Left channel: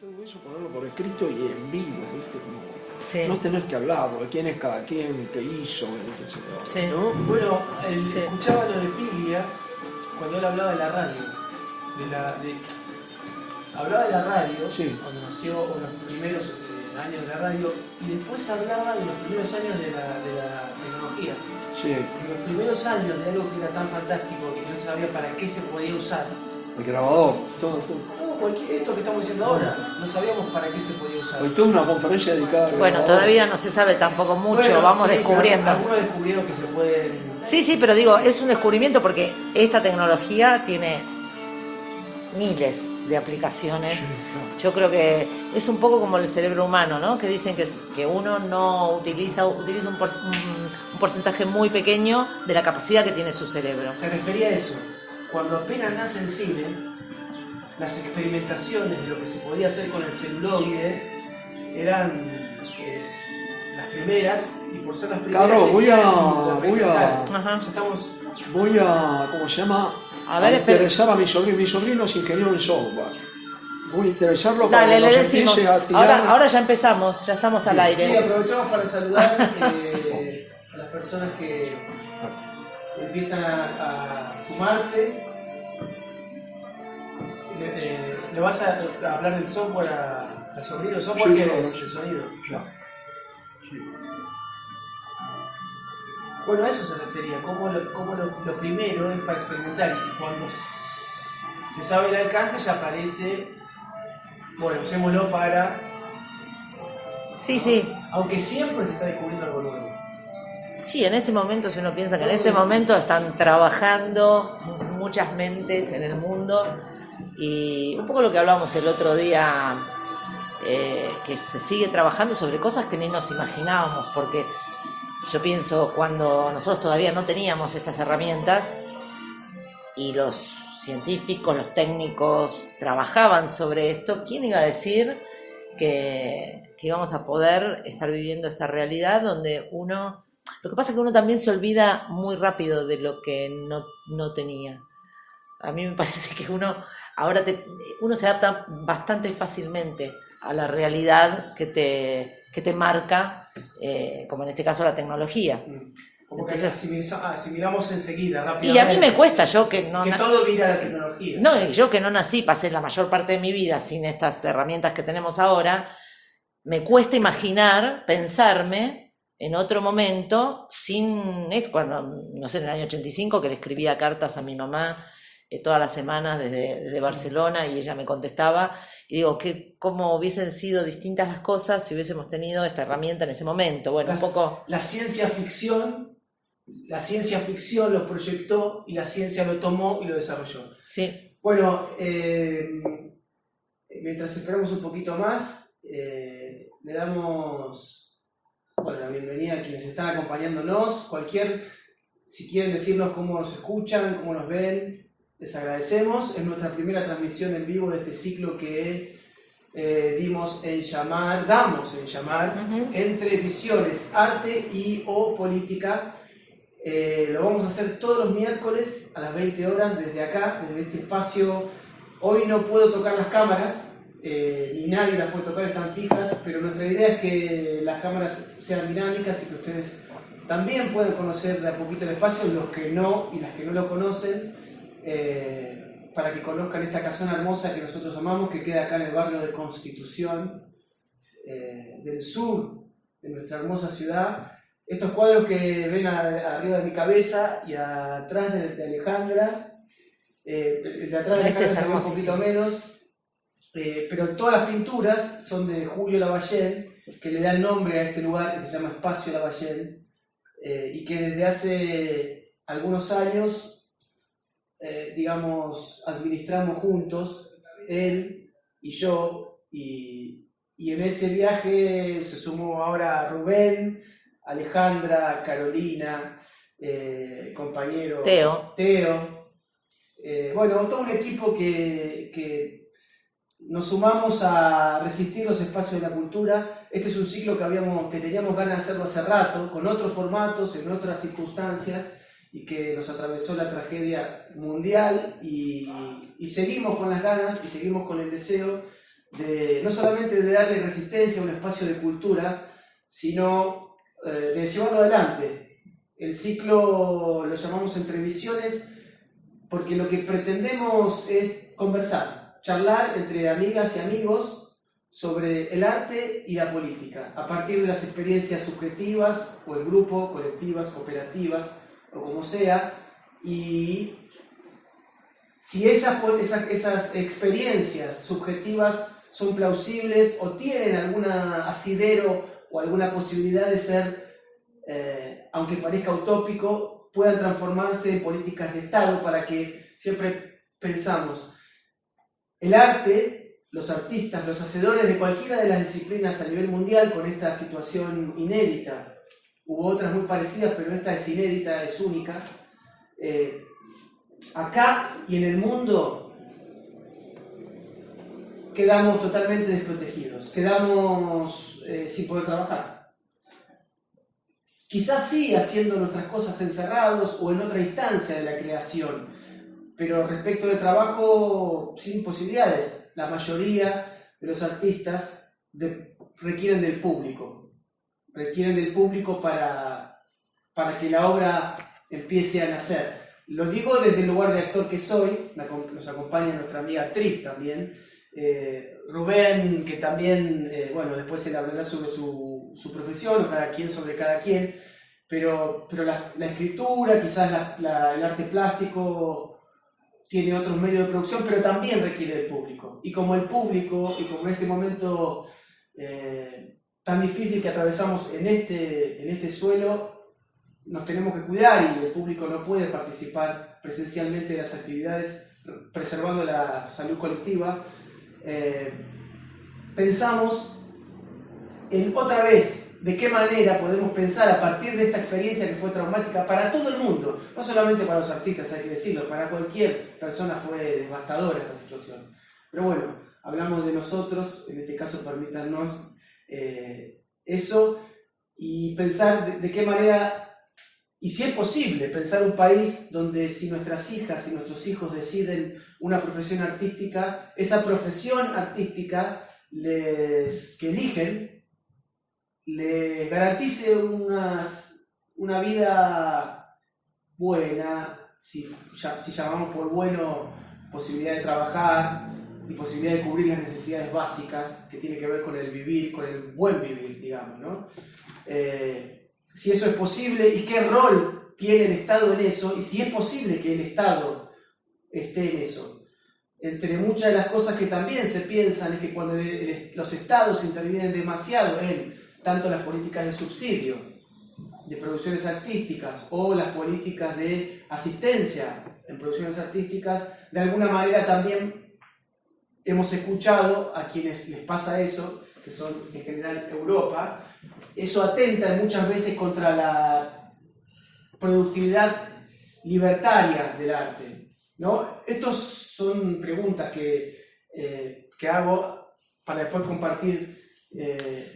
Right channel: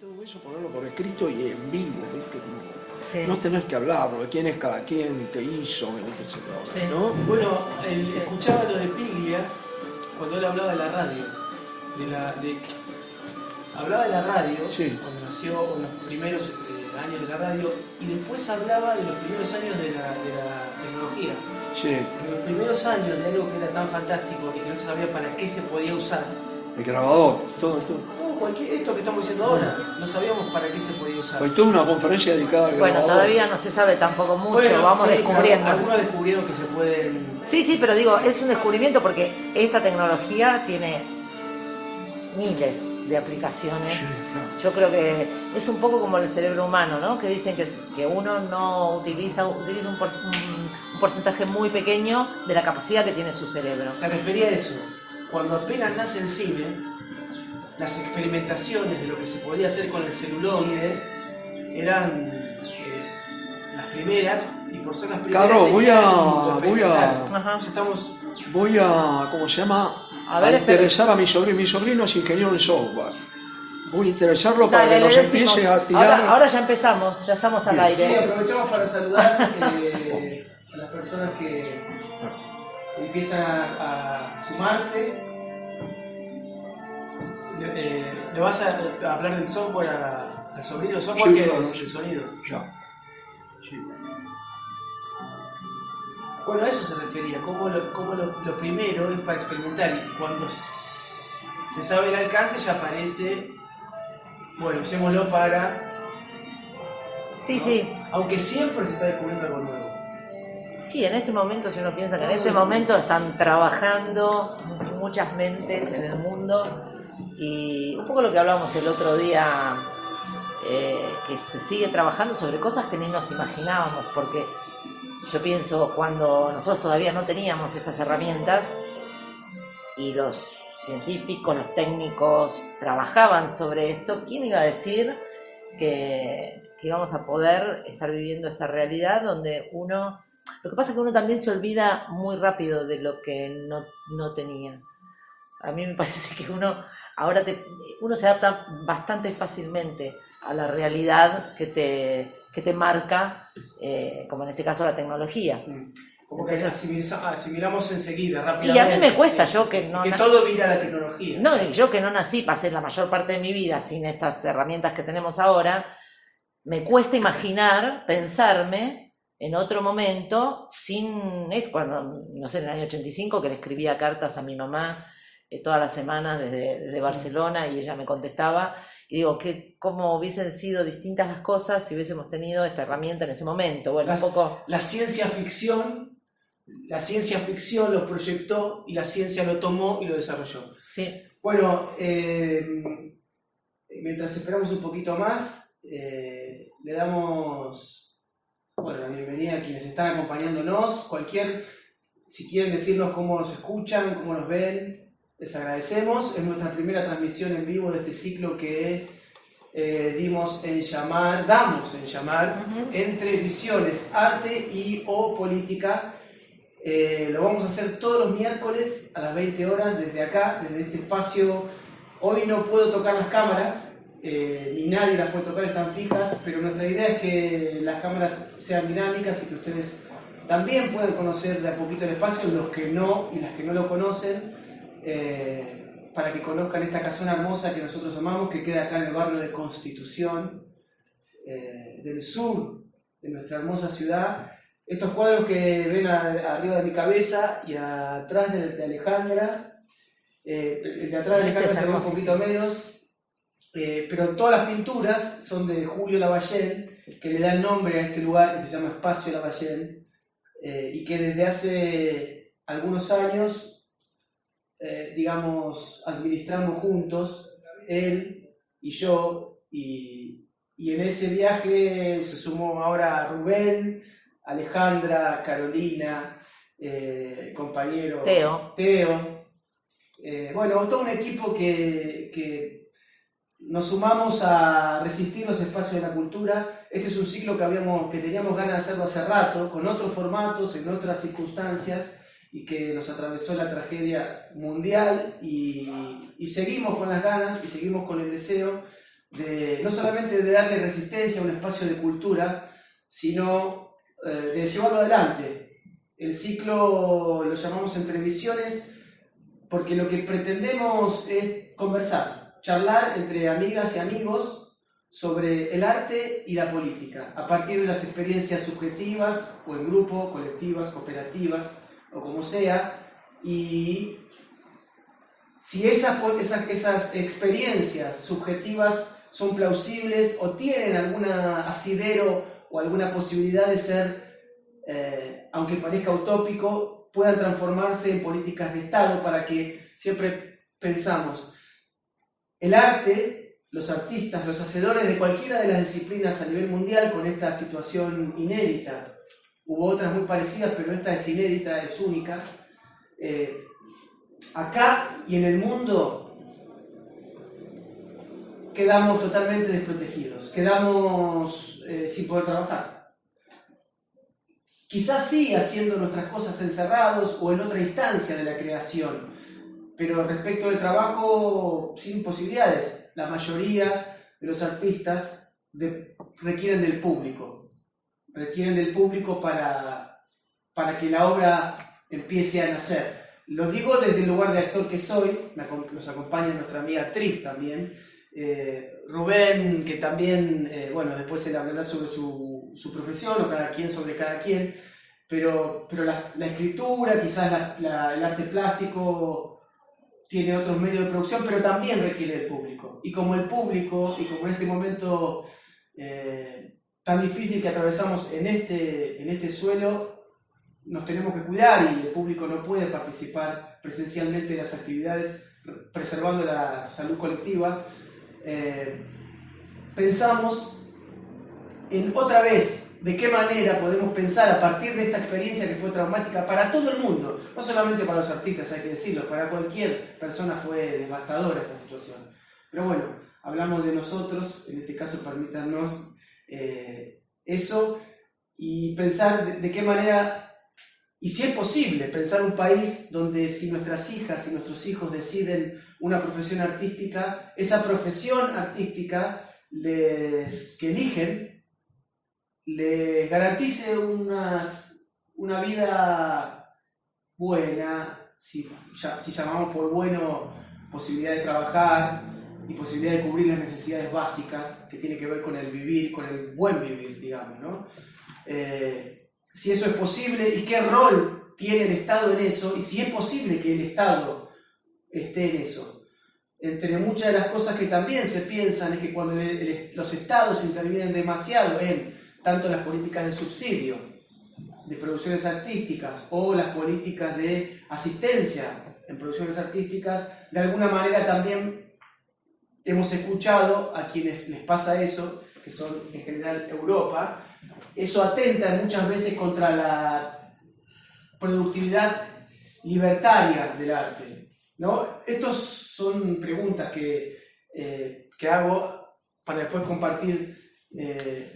todo eso ponerlo por escrito y en vivo, ¿viste? Sí. No tener que hablar, porque quién es cada quien, qué hizo, qué sé yo, Sí. ¿no? Bueno, Sí. escuchaba lo de Piglia cuando él hablaba de la radio. Hablaba de la radio Sí. cuando nació, o los primeros años de la radio, y después hablaba de los primeros años de la tecnología. Sí, En los primeros años de algo que era tan fantástico y que no se sabía para qué se podía usar. el grabador, todo. Esto que estamos diciendo ahora, no sabíamos para qué se podía usar. Hoy tuve una conferencia dedicada al Bueno, grabador. todavía no se sabe tampoco mucho, Bueno, vamos sí, descubriendo. Algunos descubrieron que se pueden. Sí, pero digo, es un descubrimiento porque esta tecnología tiene miles de aplicaciones. Sí. Yo creo que es un poco como el cerebro humano, ¿no? Que dicen que uno no utiliza un porcentaje muy pequeño de la capacidad que tiene su cerebro. Se refería a eso. Cuando apenas nace el cine, las experimentaciones de lo que se podía hacer con el celuloide eran las primeras, y por ser las primeras. Carlos, voy a- Ajá. Ya estamos. Voy a, ¿cómo se llama? A ver, interesar a mi sobrino. Mi sobrino es ingeniero en software. Voy a interesarlo para Dale, que le nos decimos. empiece a tirar. Ahora ya empezamos, ya estamos al Sí, aire. aprovechamos para saludar a las personas que empiezan a sumarse. ¿Le vas a hablar del software al sobrino? ¿Software Sí, que claro. es? ¿El sonido? Ya. Sí. Bueno, a eso se refería, como lo primero es para experimentar, y cuando se sabe el alcance ya aparece, bueno, usémoslo para... Sí, sí. Aunque siempre se está descubriendo algo nuevo. Sí, en este momento, si uno piensa que en este momento están trabajando muchas mentes en el mundo, y un poco lo que hablamos el otro día, que se sigue trabajando sobre cosas que ni nos imaginábamos, porque yo pienso cuando nosotros todavía no teníamos estas herramientas y los científicos, los técnicos trabajaban sobre esto, ¿quién iba a decir que íbamos a poder estar viviendo esta realidad donde uno... Lo que pasa es que uno también se olvida muy rápido de lo que no tenía. A mí me parece que uno se adapta bastante fácilmente a la realidad que te marca, como en este caso la tecnología. Como Entonces, que asimilamos enseguida, Y rápidamente. a mí me cuesta, yo que no... Que todo vira a la tecnología. No, y yo que no nací, pasé la mayor parte de mi vida sin estas herramientas que tenemos ahora, me cuesta imaginar, pensarme en otro momento, cuando, no sé, en el año 85, que le escribía cartas a mi mamá todas las semanas desde Barcelona, y ella me contestaba, y digo, cómo hubiesen sido distintas las cosas si hubiésemos tenido esta herramienta en ese momento. Bueno, un poco... La ciencia ficción lo proyectó y la ciencia lo tomó y lo desarrolló. Sí. Bueno, mientras esperamos un poquito más, le damos la bienvenida a quienes están acompañándonos. Si quieren decirnos cómo nos escuchan, cómo nos ven, les agradecemos. Es nuestra primera transmisión en vivo de este ciclo que damos en llamar Entre Visiones, Arte o Política. Lo vamos a hacer todos los miércoles a las 20 horas desde acá, desde este espacio. Hoy no puedo tocar las cámaras, ni nadie las puede tocar, están fijas, pero nuestra idea es que las cámaras sean dinámicas y que ustedes también puedan conocer de a poquito el espacio, los que no y las que no lo conocen, para que conozcan esta casona hermosa que nosotros amamos, que queda acá en el barrio de Constitución, del sur de nuestra hermosa ciudad. Estos cuadros que ven arriba de mi cabeza y atrás de Alejandra, el de atrás de Alejandra se ve un poquito menos, pero todas las pinturas son de Julio Lavallén, que le da el nombre a este lugar que se llama Espacio Lavallén, y que desde hace algunos años, administramos juntos, él y yo, y en ese viaje se sumó ahora Rubén, Alejandra, Carolina, compañero Teo. Todo un equipo que nos sumamos a resistir los espacios de la cultura. Este es un ciclo que teníamos ganas de hacerlo hace rato, con otros formatos, en otras circunstancias, y que nos atravesó la tragedia mundial, y seguimos con las ganas y seguimos con el deseo no solamente de darle resistencia a un espacio de cultura, sino de llevarlo adelante. El ciclo lo llamamos Entre Visiones porque lo que pretendemos es conversar, charlar entre amigas y amigos sobre el arte y la política, a partir de las experiencias subjetivas o en grupo, colectivas, cooperativas o como sea, y si esas experiencias subjetivas son plausibles o tienen algún asidero o alguna posibilidad de ser, aunque parezca utópico, puedan transformarse en políticas de Estado, para que siempre pensamos, el arte, los artistas, los hacedores de cualquiera de las disciplinas a nivel mundial con esta situación inédita, hubo otras muy parecidas, pero esta es inédita, es única, acá y en el mundo quedamos totalmente desprotegidos, quedamos sin poder trabajar. Quizás sí haciendo nuestras cosas encerrados o en otra instancia de la creación, pero respecto del trabajo sin posibilidades. La mayoría de los artistas requieren del público para que la obra empiece a nacer. Lo digo desde el lugar de actor que soy, nos acompaña nuestra amiga actriz también, Rubén, que también, bueno, después él hablará sobre su profesión, o cada quien sobre cada quien, pero la escritura, quizás el arte plástico tiene otros medios de producción, pero también requiere del público. Y como el público, y como en este momento tan difícil que atravesamos en este suelo, nos tenemos que cuidar y el público no puede participar presencialmente de las actividades preservando la salud colectiva, pensamos en otra vez de qué manera podemos pensar a partir de esta experiencia que fue traumática para todo el mundo, no solamente para los artistas, hay que decirlo, para cualquier persona fue devastadora esta situación. Pero bueno, hablamos de nosotros, en este caso permítanos eso, y pensar de qué manera, y si es posible, pensar un país donde si nuestras hijas y nuestros hijos deciden una profesión artística, esa profesión artística que eligen les garantice una vida buena, si llamamos por bueno posibilidad de trabajar y posibilidad de cubrir las necesidades básicas que tiene que ver con el vivir, con el buen vivir, digamos, ¿no? Si eso es posible y qué rol tiene el Estado en eso, y si es posible que el Estado esté en eso. Entre muchas de las cosas que también se piensan es que cuando los Estados intervienen demasiado en tanto las políticas de subsidio de producciones artísticas o las políticas de asistencia en producciones artísticas, de alguna manera también hemos escuchado a quienes les pasa eso, que son en general Europa. Eso atenta muchas veces contra la productividad libertaria del arte, ¿no? Estas son preguntas que hago para después compartir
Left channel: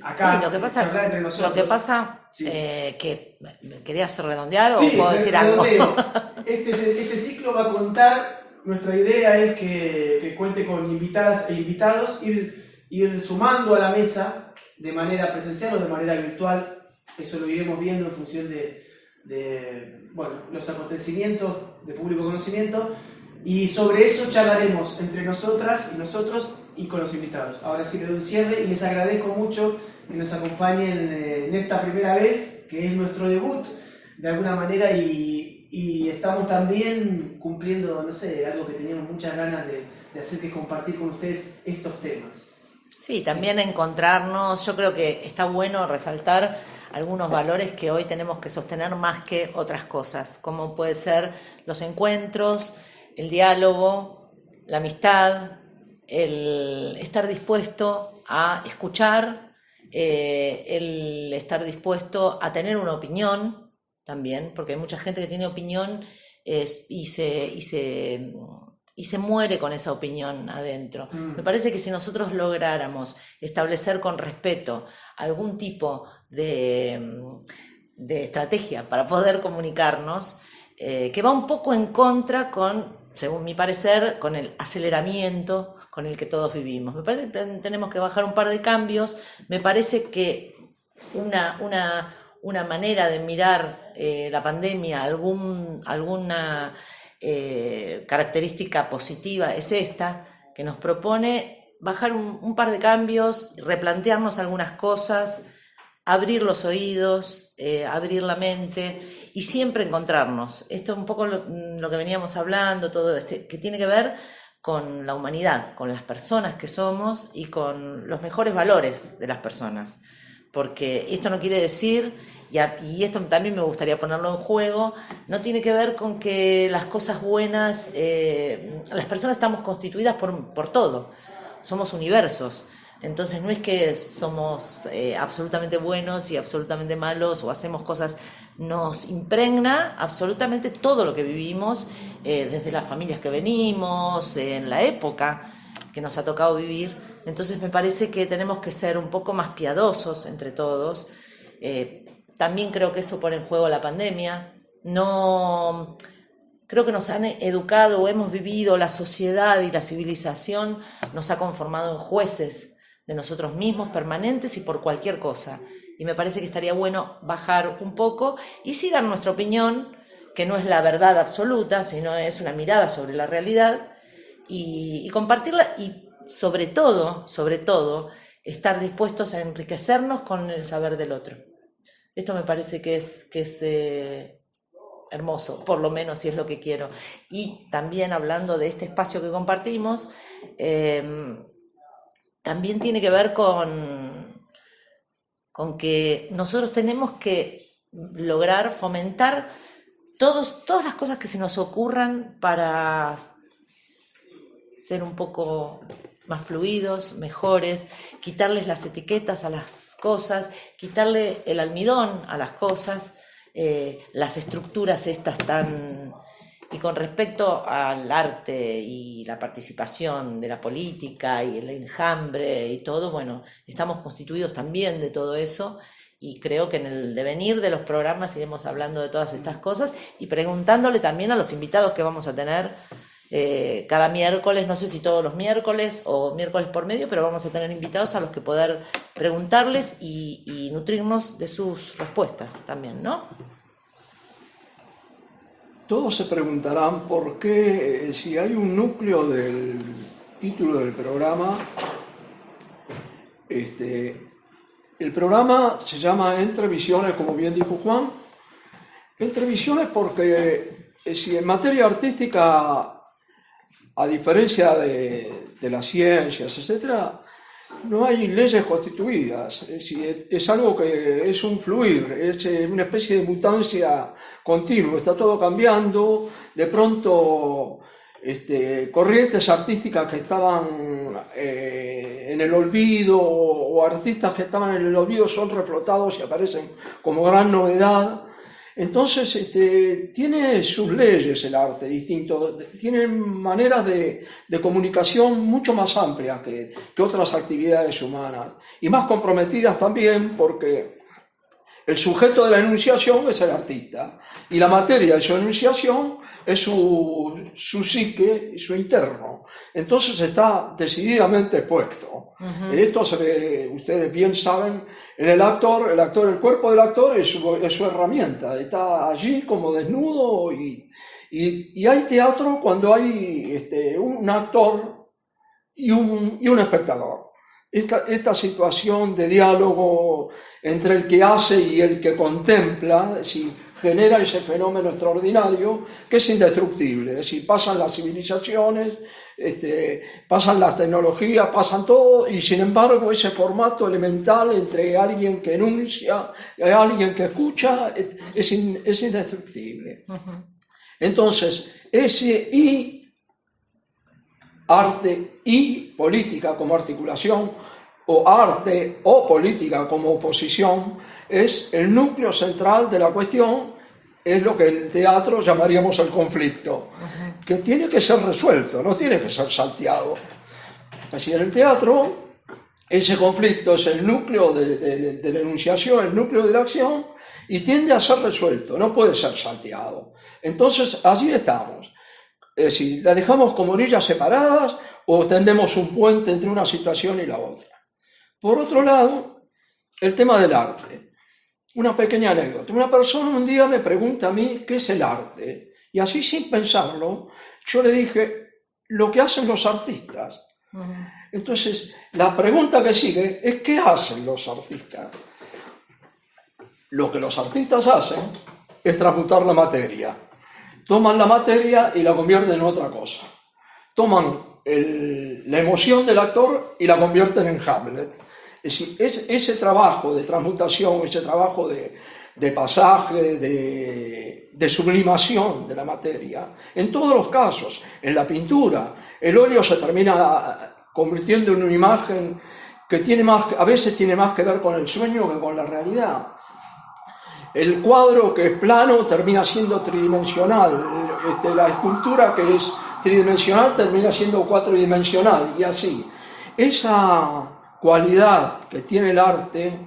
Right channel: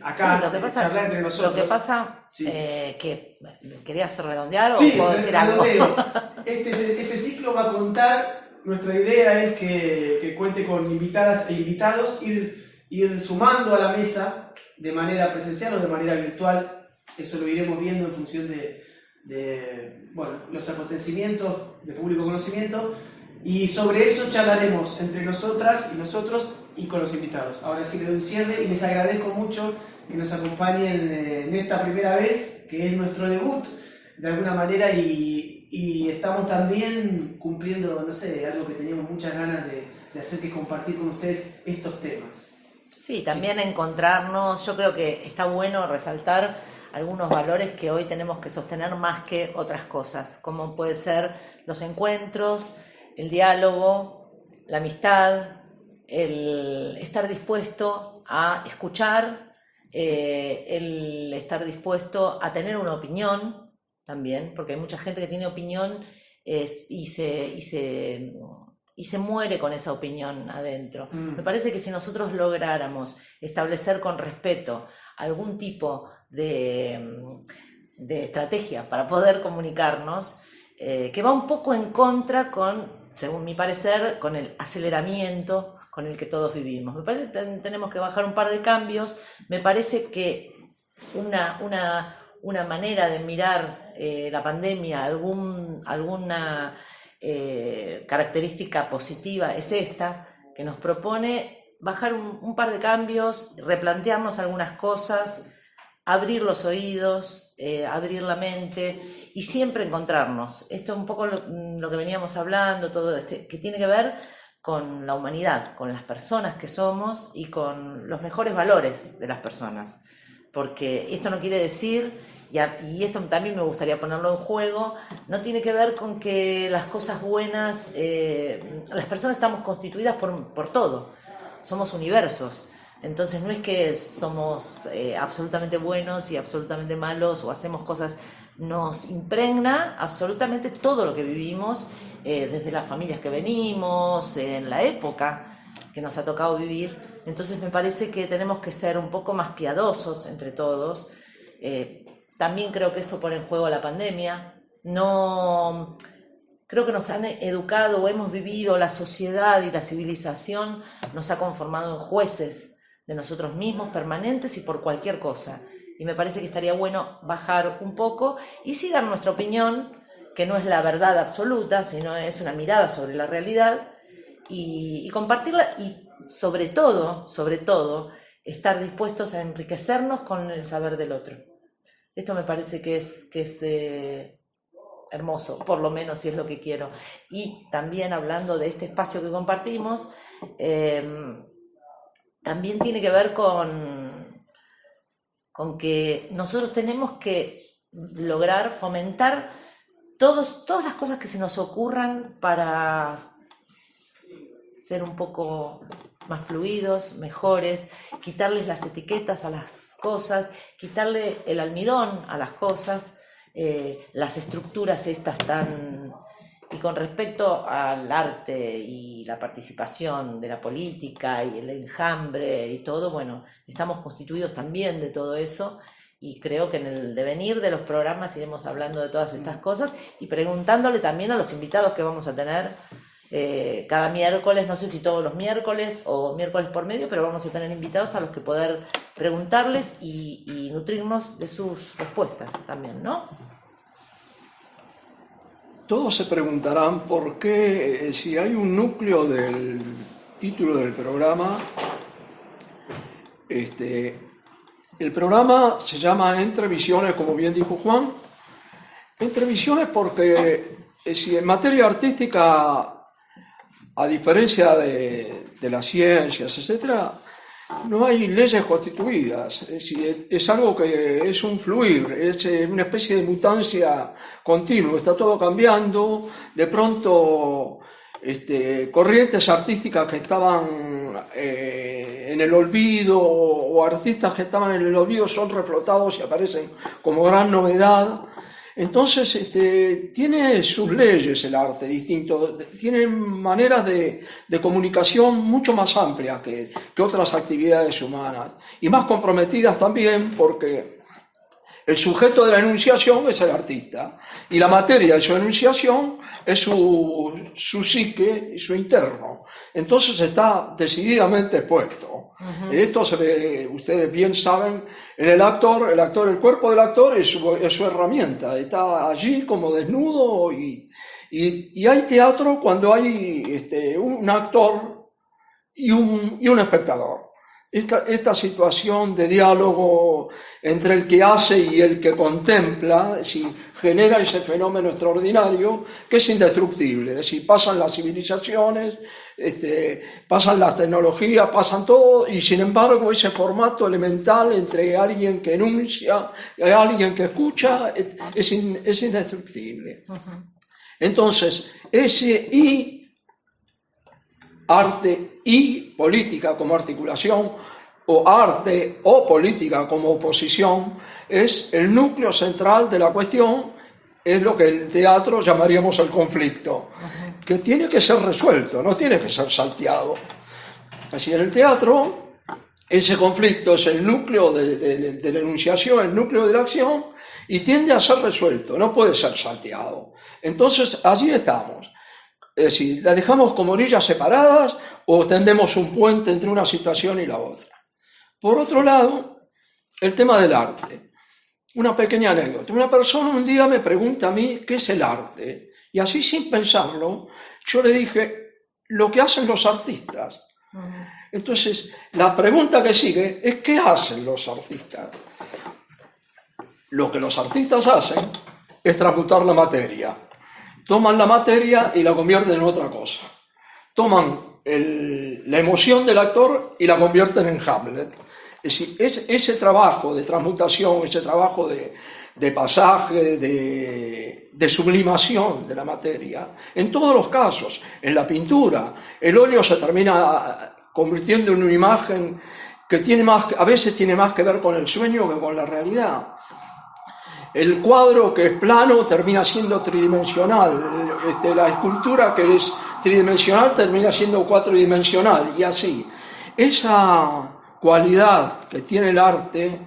acá, sí, charlar entre nosotros. Lo que pasa, sí. Que ¿querías redondear o sí, puedo decir algo? Este ciclo va a contar, nuestra idea es que cuente con invitadas e invitados, ir sumando a la mesa de manera presencial o de manera virtual. Eso lo iremos viendo en función de los acontecimientos de público conocimiento, y sobre eso charlaremos entre nosotras y nosotros y con los invitados. Ahora sí le doy un cierre y les agradezco mucho que nos acompañen en esta primera vez, que es nuestro debut de alguna manera, y estamos también cumpliendo, no sé, algo que teníamos muchas ganas de hacer, que es compartir con ustedes estos temas. Sí, también encontrarnos, yo creo que está bueno resaltar algunos valores que hoy tenemos que sostener más que otras cosas, como puede ser los encuentros, el diálogo, la amistad, el estar dispuesto a escuchar, el estar dispuesto a tener una opinión también, porque hay mucha gente que tiene opinión y se muere con esa opinión adentro. Me parece que si nosotros lográramos establecer con respeto algún tipo de estrategia para poder comunicarnos, que va un poco en contra con, según mi parecer, con el aceleramiento con el que todos vivimos. Me parece que tenemos que bajar un par de cambios. Me parece que una manera de mirar la pandemia, alguna característica positiva es esta, que nos propone bajar un par de cambios, replantearnos algunas cosas, abrir los oídos, abrir la mente y siempre encontrarnos. Esto es un poco lo que veníamos hablando, todo que tiene que ver con la humanidad, con las personas que somos y con los mejores valores de las personas. Porque esto no quiere decir, y esto también me gustaría ponerlo en juego, no tiene que ver con que las cosas buenas, las personas estamos constituidas por todo, somos universos. Entonces no es que somos absolutamente buenos y absolutamente malos o hacemos cosas, nos impregna absolutamente todo lo que vivimos, desde las familias que venimos, en la época que nos ha tocado vivir. Entonces me parece que tenemos que ser un poco más piadosos entre todos. También creo que eso pone en juego la pandemia. No, creo que nos han educado o hemos vivido, la sociedad y la civilización nos ha conformado en jueces de nosotros mismos, permanentes y por cualquier cosa. Y me parece que estaría bueno bajar un poco y sí dar nuestra opinión, que no es la verdad absoluta, sino es una mirada sobre la realidad y compartirla y sobre todo, estar dispuestos a enriquecernos con el saber del otro. Esto me parece que es hermoso, por lo menos si es lo que quiero. Y también hablando de este espacio que compartimos, también tiene que ver con que nosotros tenemos que lograr fomentar todas las cosas que se nos ocurran para ser un poco más fluidos, mejores, quitarles las etiquetas a las cosas, quitarle el almidón a las cosas, las estructuras estas tan... Y con respecto al arte y la participación de la política y el enjambre y todo, bueno, estamos constituidos también de todo eso y creo que en el devenir de los programas iremos hablando de todas estas cosas y preguntándole también a los invitados que vamos a tener cada miércoles, no sé si todos los miércoles o miércoles por medio, pero vamos a tener invitados a los que poder preguntarles y nutrirnos de sus respuestas también, ¿no? Todos se preguntarán por qué, si hay un núcleo del título del programa, el programa se llama Entre Visiones, como bien dijo Juan. Entre Visiones porque si en materia artística, a diferencia de las ciencias, etc., no hay leyes constituidas, es algo que es un fluir, es una especie de mutancia continua, está todo cambiando, de pronto corrientes artísticas que estaban en el olvido o artistas que estaban en el olvido son reflotados y aparecen como gran novedad. Entonces tiene sus leyes el arte distinto, tiene maneras de comunicación mucho más amplias que otras actividades humanas y más comprometidas también porque el sujeto de la enunciación es el artista y la materia de su enunciación es su psique y su interno. Entonces está decididamente expuesto. Esto se ve, ustedes bien saben, en el actor, el cuerpo del actor es su herramienta, está allí como desnudo y hay teatro cuando hay un actor y un espectador. Esta situación de diálogo entre el que hace y el que contempla, genera ese fenómeno extraordinario que es indestructible. Es decir, pasan las civilizaciones, pasan las tecnologías, pasan todo, y sin embargo ese formato elemental entre alguien que enuncia y alguien que escucha es indestructible. Entonces, arte y política como articulación, o arte o política como oposición, es el núcleo central de la cuestión, es lo que en teatro llamaríamos el conflicto, que tiene que ser resuelto, no tiene que ser salteado. Así, en el teatro, ese conflicto es el núcleo de la enunciación, el núcleo de la acción, y tiende a ser resuelto, no puede ser salteado. Entonces, allí estamos. Es decir, la dejamos como orillas separadas o tendemos un puente entre una situación y la otra. Por otro lado, el tema del arte. Una pequeña anécdota. Una persona un día me pregunta a mí qué es el arte. Y así sin pensarlo, yo le dije lo que hacen los artistas. Entonces, la pregunta que sigue es ¿qué hacen los artistas? Lo que los artistas hacen es transmutar la materia. Toman la materia y la convierten en otra cosa. Toman la emoción del actor y la convierten en Hamlet. Es decir, ese trabajo de transmutación, ese trabajo de pasaje, de sublimación de la materia, en todos los casos, en la pintura, el óleo se termina convirtiendo en una imagen que a veces tiene más que ver con el sueño que con la realidad. El cuadro que es plano termina siendo tridimensional, la escultura que es tridimensional termina siendo cuatridimensional, y así. Esa cualidad que tiene el arte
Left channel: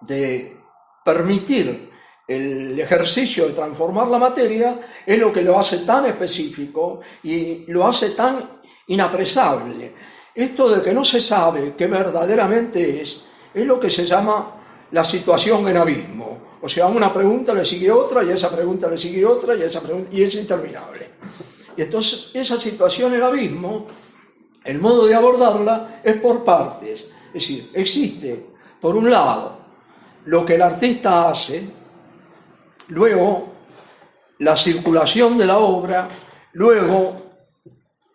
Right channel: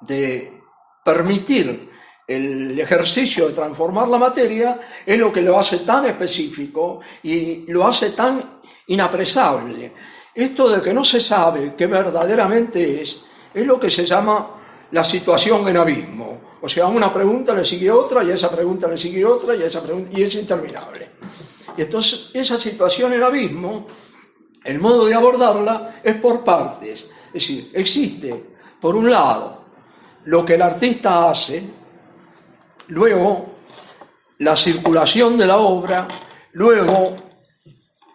de permitir el ejercicio de transformar la materia es lo que lo hace tan específico y lo hace tan inapresable. Esto de que no se sabe qué verdaderamente es lo que se llama la situación en abismo. O sea, a una pregunta le sigue otra, y a esa pregunta le sigue otra, y a esa pregunta, y es interminable. Y entonces esa situación en abismo, el modo de abordarla es por partes. Es decir, existe, por un lado, lo que el artista hace, luego la circulación de la obra, luego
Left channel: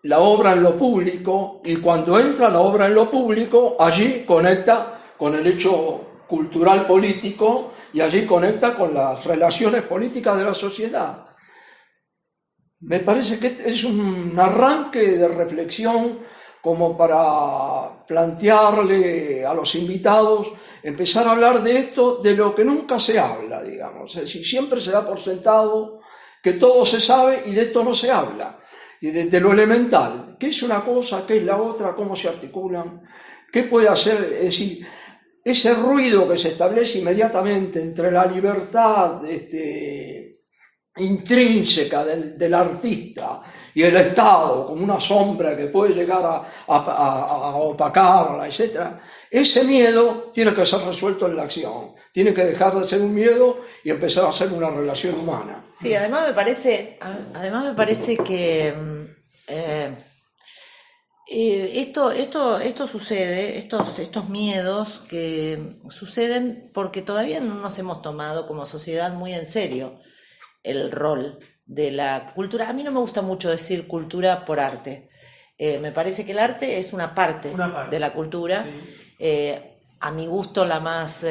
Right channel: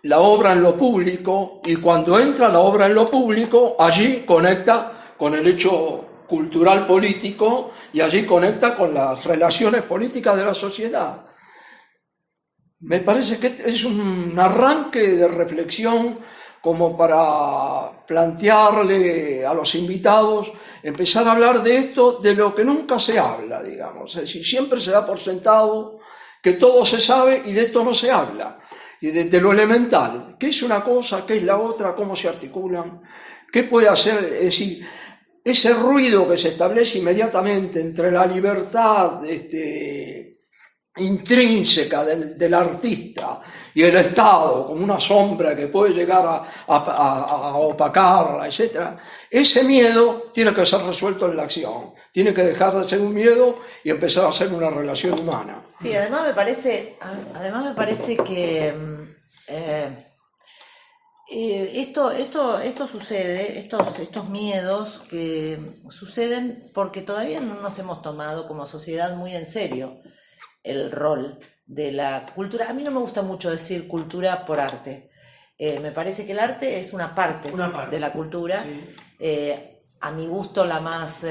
la obra en lo público, y cuando entra la obra en lo público, allí conecta con el hecho cultural político y allí conecta con las relaciones políticas de la sociedad. Me parece que es un arranque de reflexión como para plantearle a los invitados, empezar a hablar de esto, de lo que nunca se habla, digamos. Es decir, siempre se da por sentado que todo se sabe y de esto no se habla. Y de lo elemental, qué es una cosa, qué es la otra, cómo se articulan, qué puede hacer, es decir, ese ruido que se establece inmediatamente entre la libertad intrínseca del artista y el Estado como una sombra que puede llegar a opacarla, etc. Ese miedo tiene que ser resuelto en la acción, tiene que dejar de ser un miedo y empezar a ser una relación humana. Sí, además me parece que esto sucede, estos miedos que suceden porque todavía no nos hemos tomado como sociedad muy en serio el rol de la cultura. A mí no me gusta mucho decir cultura por arte. Me parece que el arte es una parte de la cultura. Sí. A mi gusto la más,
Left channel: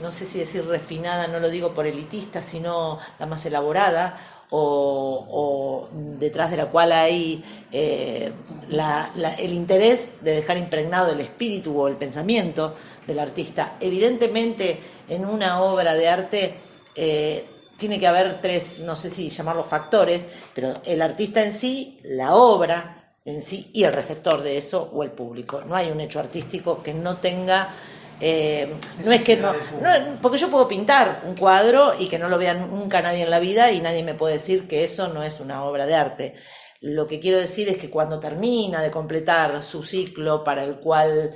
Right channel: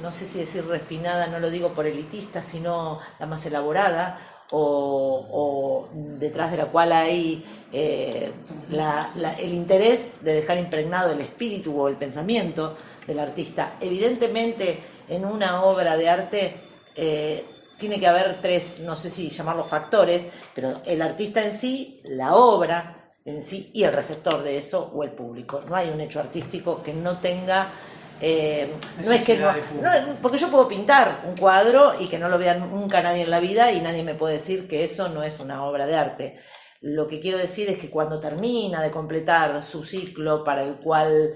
no sé si decir refinada, no lo digo por elitista, sino la más elaborada, o detrás de la cual hay el interés de dejar impregnado el espíritu o el pensamiento del artista. Evidentemente, en una obra de arte tiene que haber tres, no sé si llamarlos factores, pero el artista en sí, la obra en sí y el receptor de eso o el público. No hay un hecho artístico que no tenga... no es que no, porque yo puedo pintar un cuadro y que no lo vea nunca nadie en la vida y nadie me puede decir que eso no es una obra de arte. Lo que quiero decir es que cuando termina de completar su ciclo, para el cual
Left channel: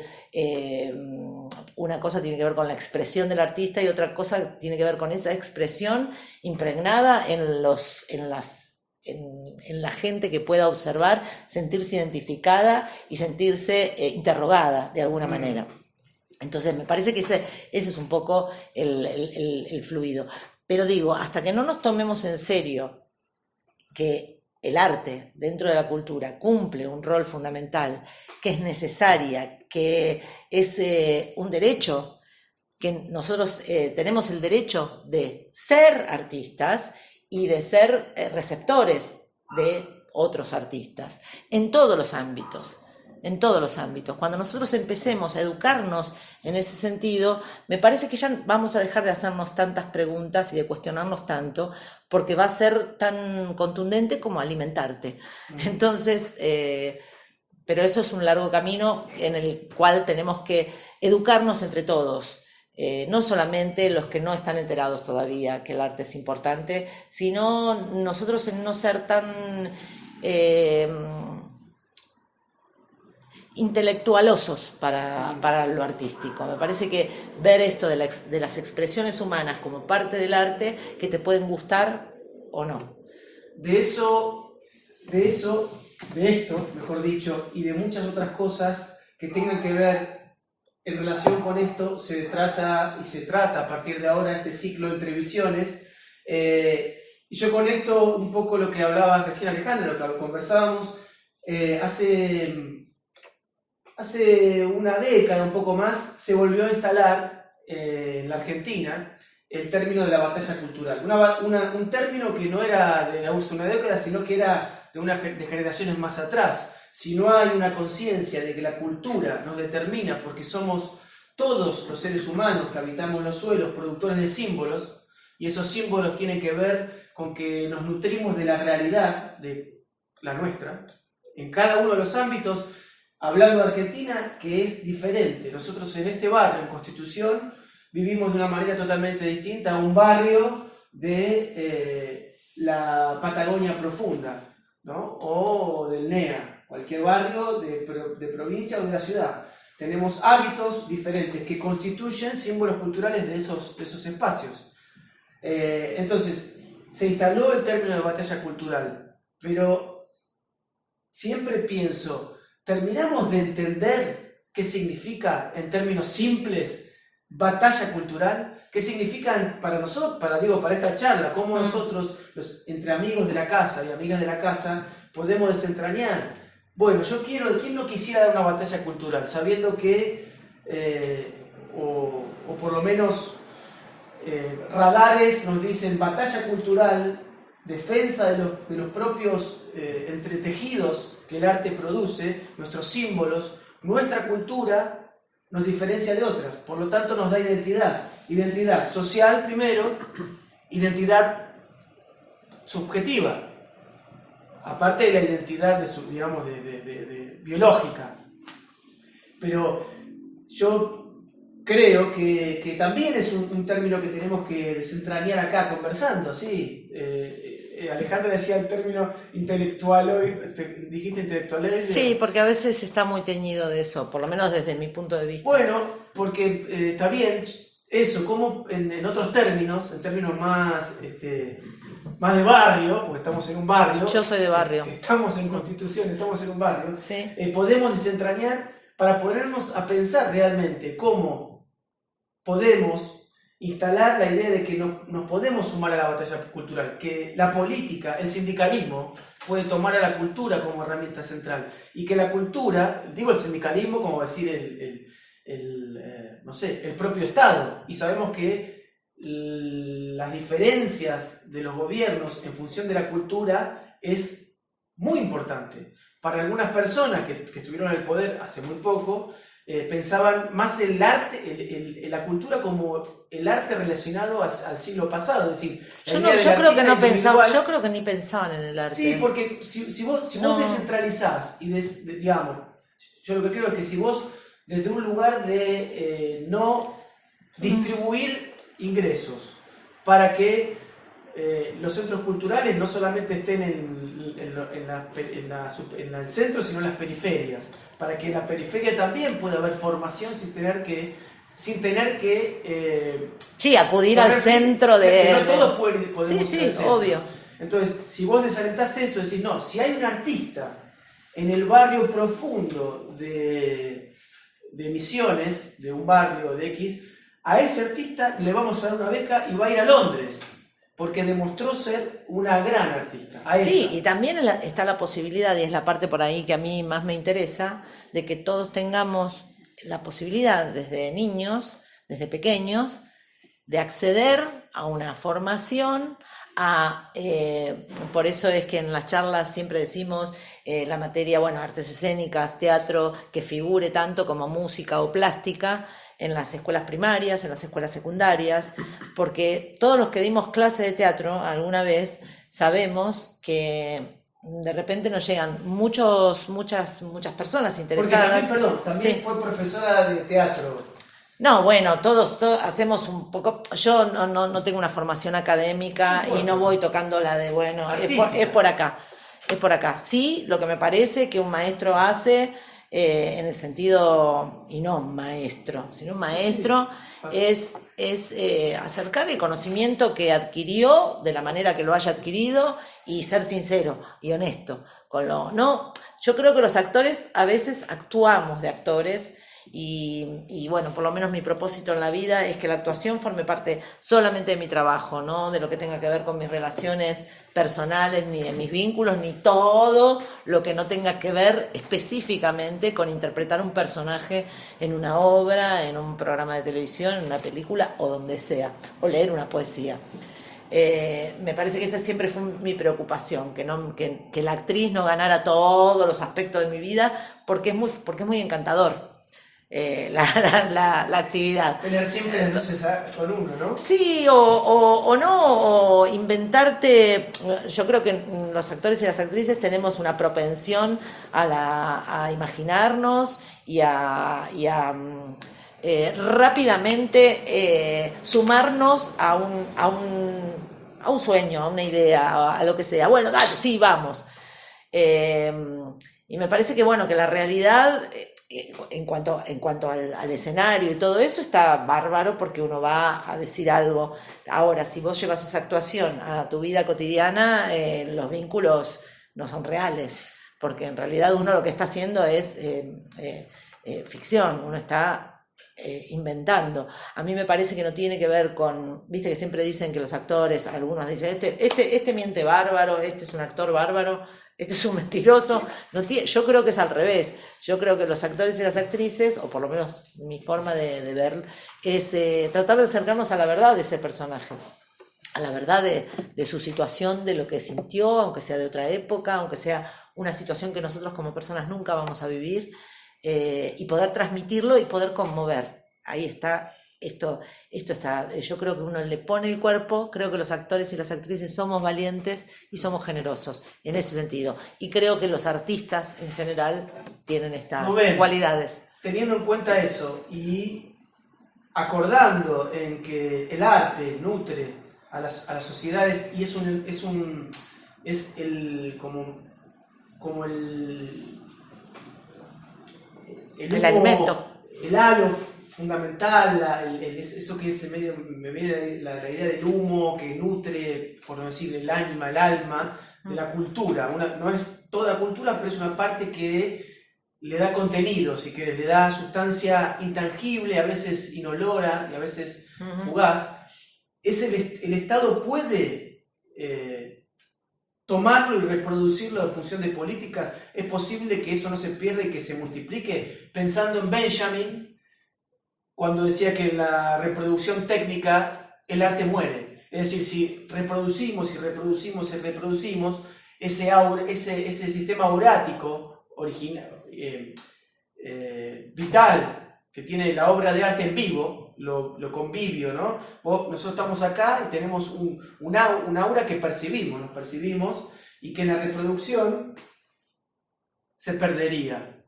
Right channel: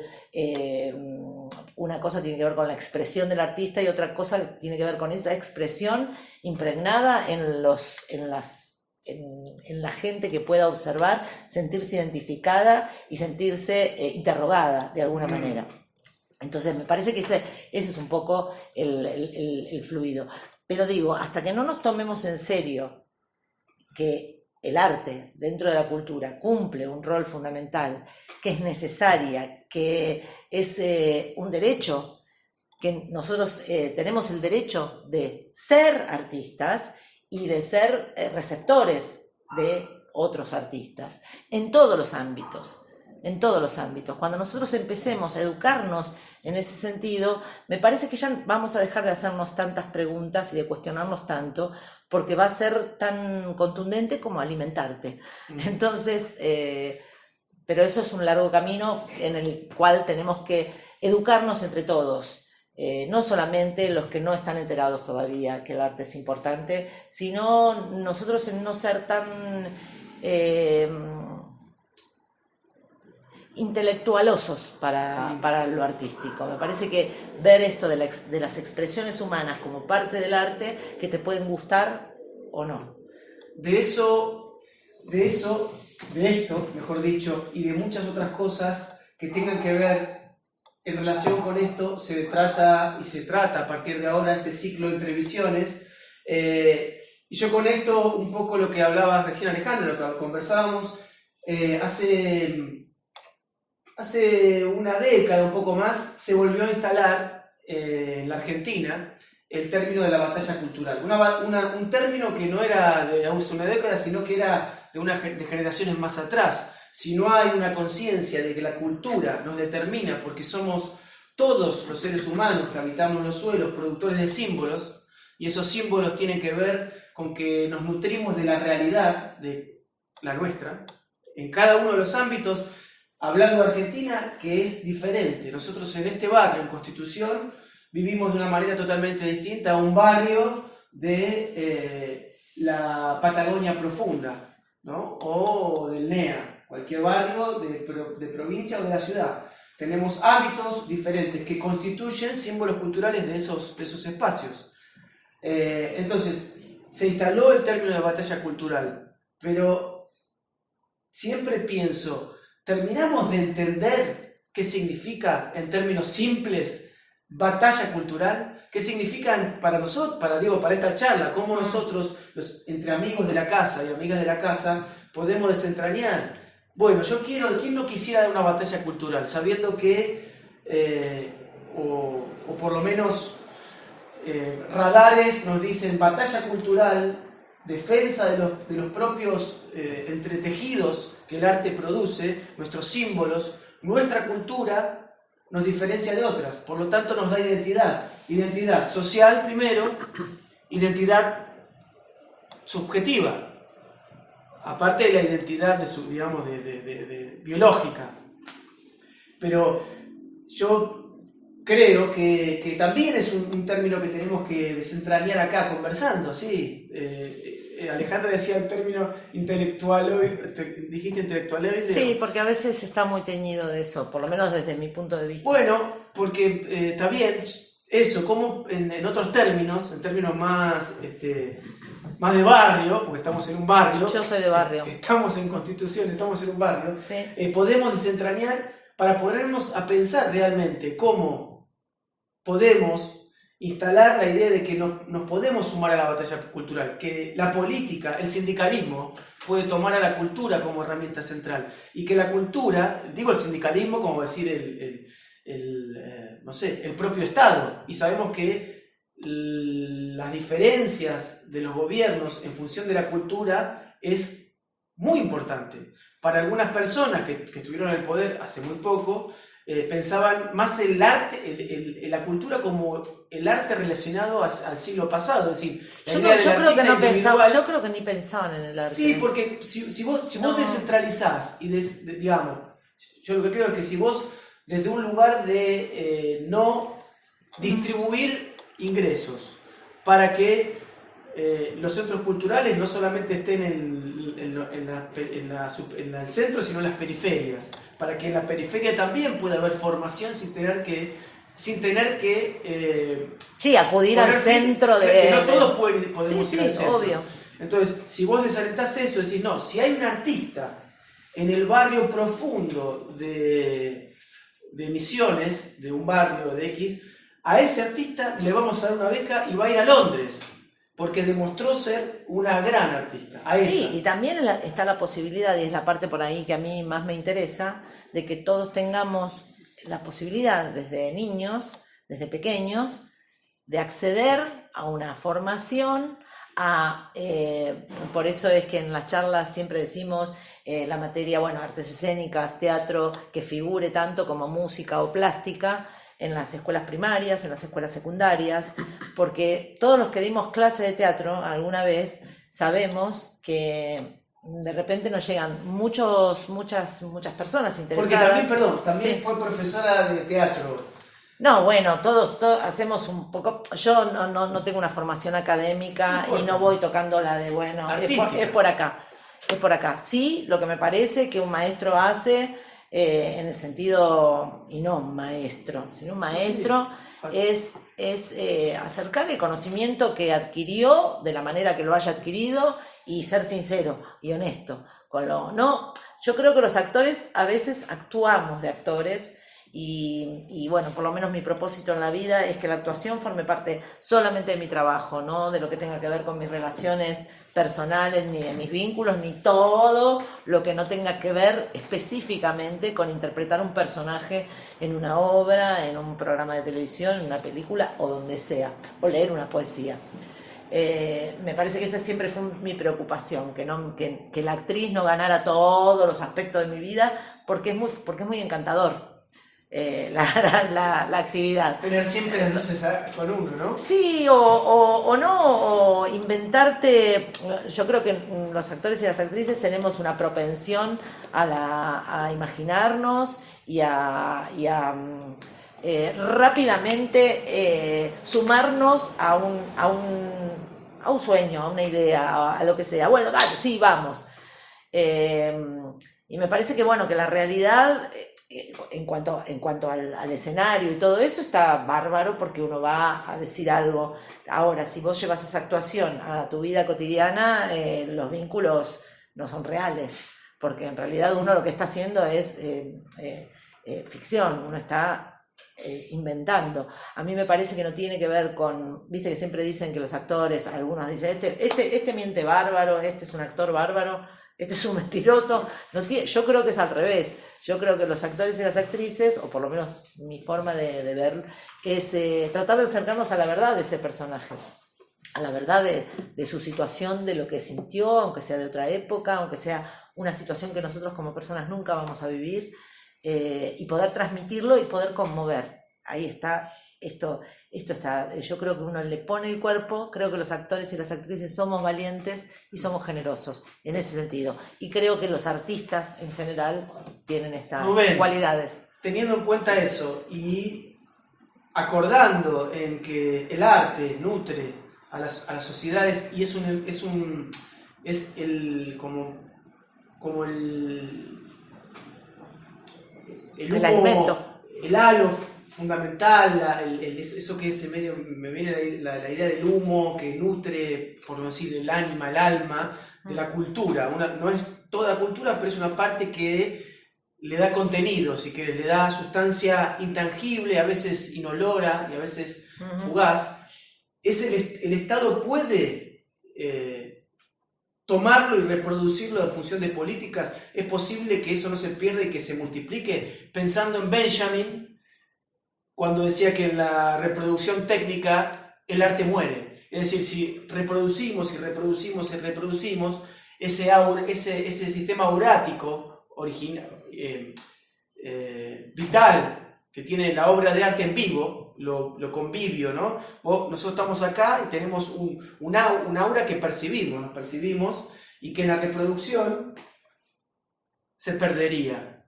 una cosa tiene que ver con la expresión del artista y otra cosa tiene que ver con esa expresión impregnada en la gente que pueda observar, sentirse identificada y sentirse interrogada de alguna manera. Entonces me parece que ese es un poco el fluido. Pero digo, hasta que no nos tomemos en serio que el arte dentro de la cultura cumple un rol fundamental, que es necesaria, que es un derecho, que nosotros tenemos el derecho de ser artistas y de ser receptores de otros artistas, en todos los ámbitos. En todos los ámbitos. Cuando nosotros empecemos a educarnos en ese sentido, me parece que ya vamos a dejar de hacernos tantas preguntas y de cuestionarnos tanto, porque va a ser tan contundente como alimentarte. Entonces, pero eso es un largo camino en el cual tenemos que educarnos entre todos. No solamente los que no están enterados todavía que el arte es importante, sino nosotros en no ser tan... intelectualosos para lo artístico. Me parece que ver esto de las expresiones humanas como parte del arte, que te pueden gustar o no. De esto, mejor dicho, y de muchas otras cosas que tengan que ver en relación con esto, se trata a partir de ahora este ciclo entre visiones. Y yo conecto un poco lo que hablaba recién Alejandra, lo que conversábamos hace una década, un poco más, se volvió a instalar en la Argentina el término de la batalla cultural. Un término que no era de hace una década, sino que era de generaciones más atrás. Si no hay una conciencia de que la cultura nos determina, porque somos todos los seres humanos que habitamos los suelos, productores de símbolos, y esos símbolos tienen que ver con que nos nutrimos de la realidad, de la nuestra, en cada uno de los ámbitos, hablando de Argentina, que es diferente. Nosotros en este barrio, en Constitución, vivimos de una manera totalmente distinta a un barrio de la Patagonia Profunda, ¿no? O del NEA, cualquier barrio de provincia o de la ciudad. Tenemos hábitos diferentes que constituyen símbolos culturales de esos espacios. Entonces, se instaló el término de batalla cultural, pero siempre pienso, ¿terminamos de entender qué significa en términos simples batalla cultural? ¿Qué significan para nosotros, para esta charla? ¿Cómo nosotros, entre amigos de la casa y amigas de la casa, podemos desentrañar? Bueno, ¿quién no quisiera dar una batalla cultural? Sabiendo que, o por lo menos radares nos dicen batalla cultural, defensa de los propios entretejidos que el arte produce, nuestros símbolos, nuestra cultura nos diferencia de otras, por lo tanto nos da identidad social primero, identidad subjetiva, aparte de la identidad de biológica. Pero yo creo que también es un término que tenemos que desentrañar acá conversando, ¿sí? Alejandra decía el término intelectualoide, dijiste intelectualoide. Sí, porque a veces está muy teñido de eso, por lo menos desde mi punto de vista. Bueno, porque está bien eso, como en otros términos, en términos más de barrio, porque estamos en un barrio. Yo soy de barrio. Estamos en Constitución, estamos en un barrio. Sí. Podemos desentrañar para ponernos a pensar realmente cómo podemos instalar la idea de que nos podemos sumar a la batalla cultural, que la política, el sindicalismo puede tomar a la cultura como herramienta central y que la cultura, digo el sindicalismo como decir el propio Estado, y sabemos que las diferencias de los gobiernos en función de la cultura es muy importante. Para algunas personas que estuvieron en el poder hace muy poco, pensaban más el arte, la cultura como el arte relacionado al siglo pasado, es decir, yo creo que ni pensaban en el arte. Sí, porque si vos descentralizás y digamos, yo lo que creo es que si vos desde un lugar de no distribuir ingresos para que los centros culturales no solamente estén en el centro, sino en las periferias, para que en la periferia también pueda haber formación sin tener que acudir al centro que no todos podemos ir al centro. Obvio. Entonces, si vos desalentás eso, decís, no, si hay un artista en el barrio profundo de Misiones, de un barrio de X, a ese artista le vamos a dar una beca y va a ir a Londres, porque demostró ser una gran artista. Sí, y también está la posibilidad, y es la parte por ahí que a mí más me interesa, de que todos tengamos la posibilidad desde niños, desde pequeños, de acceder a una formación, por eso es que en las charlas siempre decimos la materia, artes escénicas, teatro, que figure tanto como música o plástica, en las escuelas primarias, en las escuelas secundarias, porque todos los que dimos clase de teatro alguna vez sabemos que de repente nos llegan muchas personas interesadas. Porque también fue profesora de teatro. No, todos hacemos un poco. Yo no tengo una formación académica y no voy tocando la de, es por acá. Sí, lo que me parece que un maestro hace en el sentido, y no maestro, sino maestro es acercar el conocimiento que adquirió de la manera que lo haya adquirido y ser sincero y honesto con no, yo creo que los actores a veces actuamos de actores y bueno, por lo menos mi propósito en la vida es que la actuación forme parte solamente de mi trabajo, no de lo que tenga que ver con mis relaciones personales, ni de mis vínculos, ni todo lo que no tenga que ver específicamente con interpretar un personaje en una obra, en un programa de televisión, en una película o donde sea, o leer una poesía. Me parece que esa siempre fue mi preocupación, que la actriz no ganara todos los aspectos de mi vida, porque es muy encantador. La actividad. Tener siempre las luces con uno, ¿no? Sí, o no, o inventarte. Yo creo que los actores y las actrices tenemos una propensión a imaginarnos y a rápidamente sumarnos a un sueño, a una idea, a lo que sea. Bueno, dale, sí, vamos. Y me parece que, bueno, que la realidad, en cuanto al escenario y todo eso, está bárbaro porque uno va a decir algo. Ahora, si vos llevas esa actuación a tu vida cotidiana, los vínculos no son reales, porque en realidad uno lo que está haciendo es ficción, uno está inventando. A mí me parece que no tiene que ver con, viste que siempre dicen que los actores, algunos dicen, este miente bárbaro, este es un actor bárbaro, este es un mentiroso. Yo creo que es al revés. Yo creo que los actores y las actrices, o por lo menos mi forma de ver, es tratar de acercarnos a la verdad de ese personaje, a la verdad de su situación, de lo que sintió, aunque sea de otra época, aunque sea una situación que nosotros como personas nunca vamos a vivir, y poder transmitirlo y poder conmover. Ahí está, esto está, yo creo que uno le pone el cuerpo, creo que los actores y las actrices somos valientes y somos generosos en ese sentido. Y creo que los artistas en general tienen estas cualidades. Teniendo en cuenta eso y acordando en que el arte nutre a las sociedades y es como el alimento, el halo fundamental, eso que es medio, me viene la idea del humo que nutre, por no decir, el ánima, el alma de la cultura. No es toda la cultura, pero es una parte que le da contenido, si querés, le da sustancia intangible, a veces inolora y a veces fugaz. El Estado puede tomarlo y reproducirlo en función de políticas. Es posible que eso no se pierda y que se multiplique. Pensando en Benjamin, cuando decía que en la reproducción técnica el arte muere. Es decir, si reproducimos y reproducimos y reproducimos, ese sistema aurático original, vital que tiene la obra de arte en vivo, lo convivio, ¿no? Nosotros estamos acá y tenemos un aura que nos percibimos y que en la reproducción se perdería.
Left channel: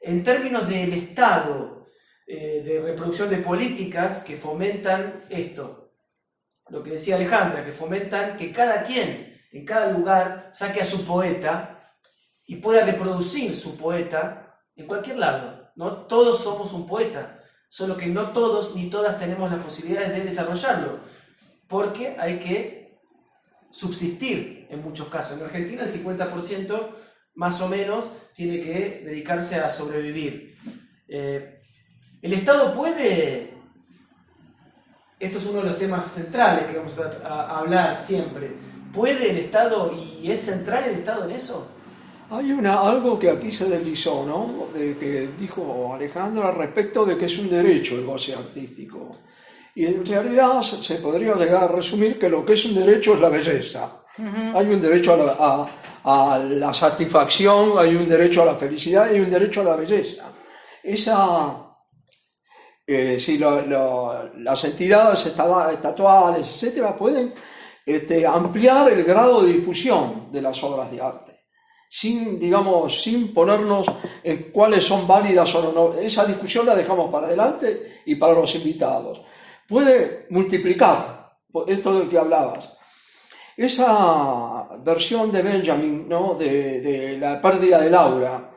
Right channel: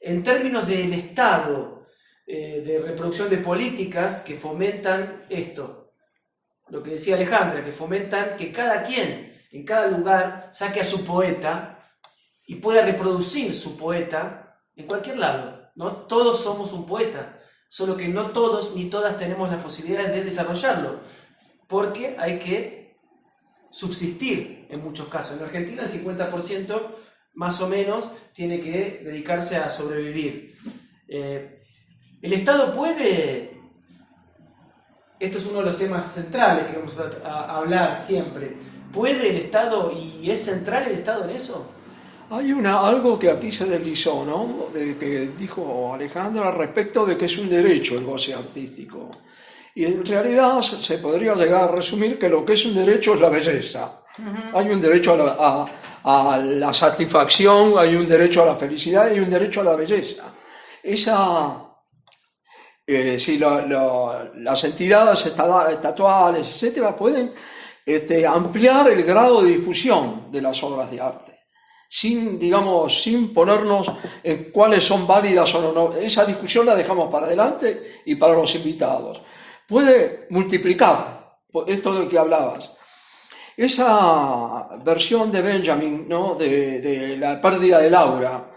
En términos del Estado, de reproducción de políticas que fomentan esto, lo que decía Alejandra, que fomentan que cada quien en cada lugar saque a su poeta y pueda reproducir su poeta en cualquier lado, ¿no? Todos somos un poeta, solo que no todos ni todas tenemos la posibilidad de desarrollarlo, porque hay que subsistir en muchos casos. En Argentina el 50% más o menos tiene que dedicarse a sobrevivir. El Estado puede, esto es uno de los temas centrales que vamos a hablar siempre, ¿puede el Estado y es central el Estado en eso? Hay algo que aquí se deslizó, ¿no? Que dijo Alejandra respecto de que es un derecho el goce artístico. Y en realidad se podría llegar a resumir que lo que es un derecho es la belleza. Hay un derecho a la satisfacción, hay un derecho a la felicidad y hay un derecho a la belleza. Si las entidades estatuales, etcétera, pueden ampliar el grado de difusión de las obras de arte, sin ponernos en cuáles son válidas o no. Esa discusión la dejamos para adelante y para los invitados. Puede multiplicar, esto de que hablabas, esa versión de Benjamin, ¿no? de la pérdida del aura.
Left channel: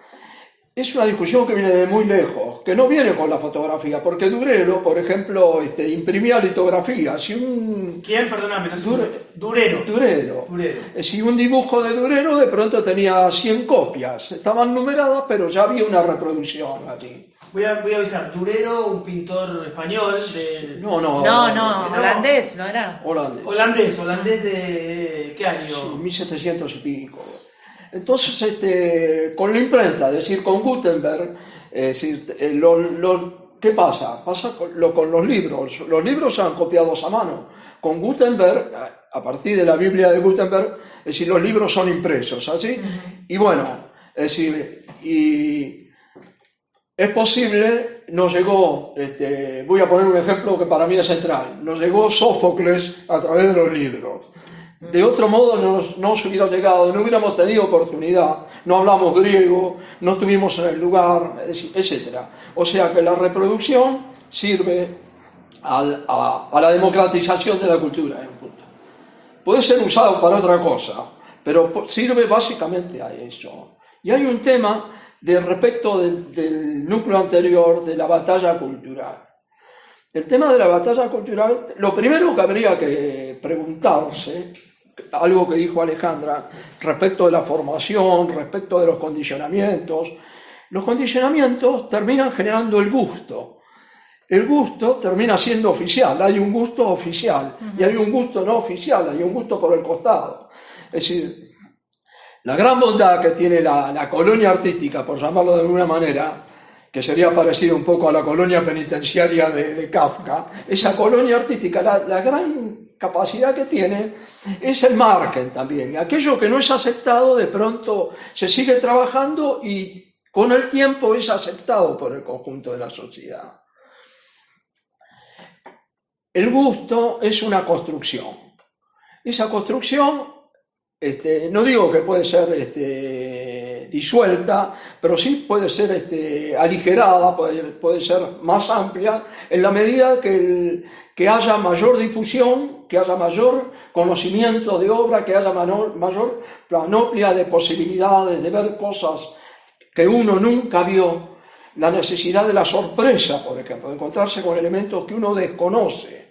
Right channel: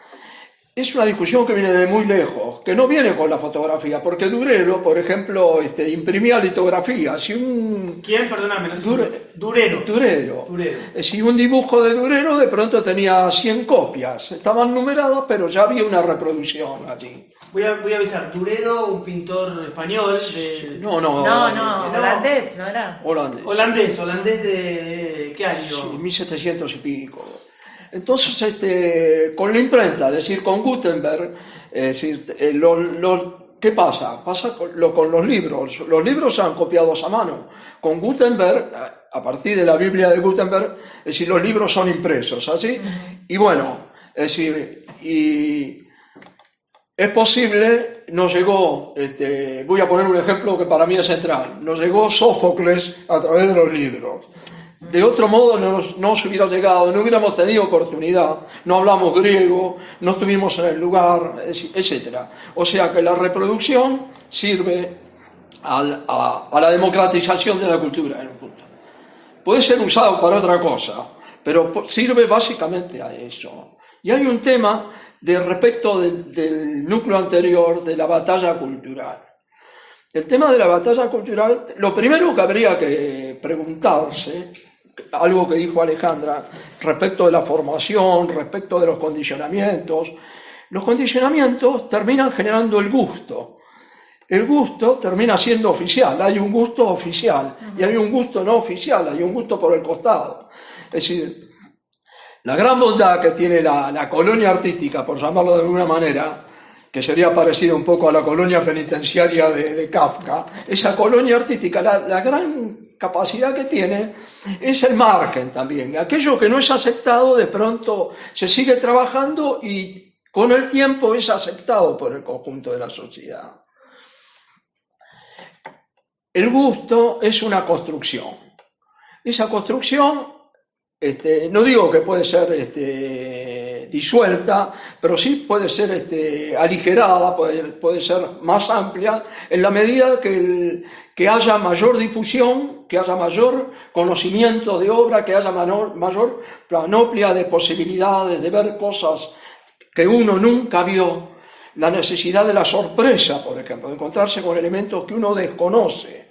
es una discusión que viene de muy lejos, que no viene con la fotografía, porque Durero, por ejemplo, imprimía litografías. Si ¿Quién? Perdóname, no sé. Durero. Durero. Si un dibujo de Durero de pronto tenía 100 copias, estaban numeradas, pero ya había una reproducción allí. Voy a avisar, Durero, un pintor español No, holandés, ¿no era? Holandés de... ¿qué año? Sí, 1700 y pico. Entonces, con la imprenta, es decir, con Gutenberg, es decir, ¿qué pasa? Pasa con los libros. Los libros son copiados a mano. Con Gutenberg, a partir de la Biblia de Gutenberg, es decir, los libros son impresos, ¿así? Y bueno, es decir, y es posible, nos llegó, voy a poner un ejemplo que para mí es central, nos llegó Sófocles a través de los libros. De otro modo no se hubiera llegado, no hubiéramos tenido oportunidad, no hablamos griego, no estuvimos en el lugar, etc. O sea que la reproducción sirve a la democratización de la cultura en un punto. Puede ser usado para otra cosa, pero sirve básicamente a eso. Y hay un tema respecto del núcleo anterior de la batalla cultural. El tema de la batalla cultural, lo primero que habría que preguntarse, algo que dijo Alejandra, respecto de la formación, respecto de los condicionamientos terminan generando el gusto. El gusto termina siendo oficial, hay un gusto oficial y hay un gusto no oficial, hay un gusto por el costado. Es decir, la gran bondad que tiene la colonia artística, por llamarlo de alguna manera, que sería parecido un poco a la colonia penitenciaria de Kafka, esa colonia artística, la gran capacidad que tiene es el margen también. Aquello que no es aceptado de pronto se sigue trabajando y con el tiempo es aceptado por el conjunto de la sociedad. El gusto es una construcción. Esa construcción, no digo que puede ser disuelta, pero sí puede ser aligerada, puede ser más amplia, en la medida que haya mayor difusión, que haya mayor conocimiento de obra, que haya mayor panoplia de posibilidades de ver cosas que uno nunca vio, la necesidad de la sorpresa, por ejemplo, de encontrarse con elementos que uno desconoce.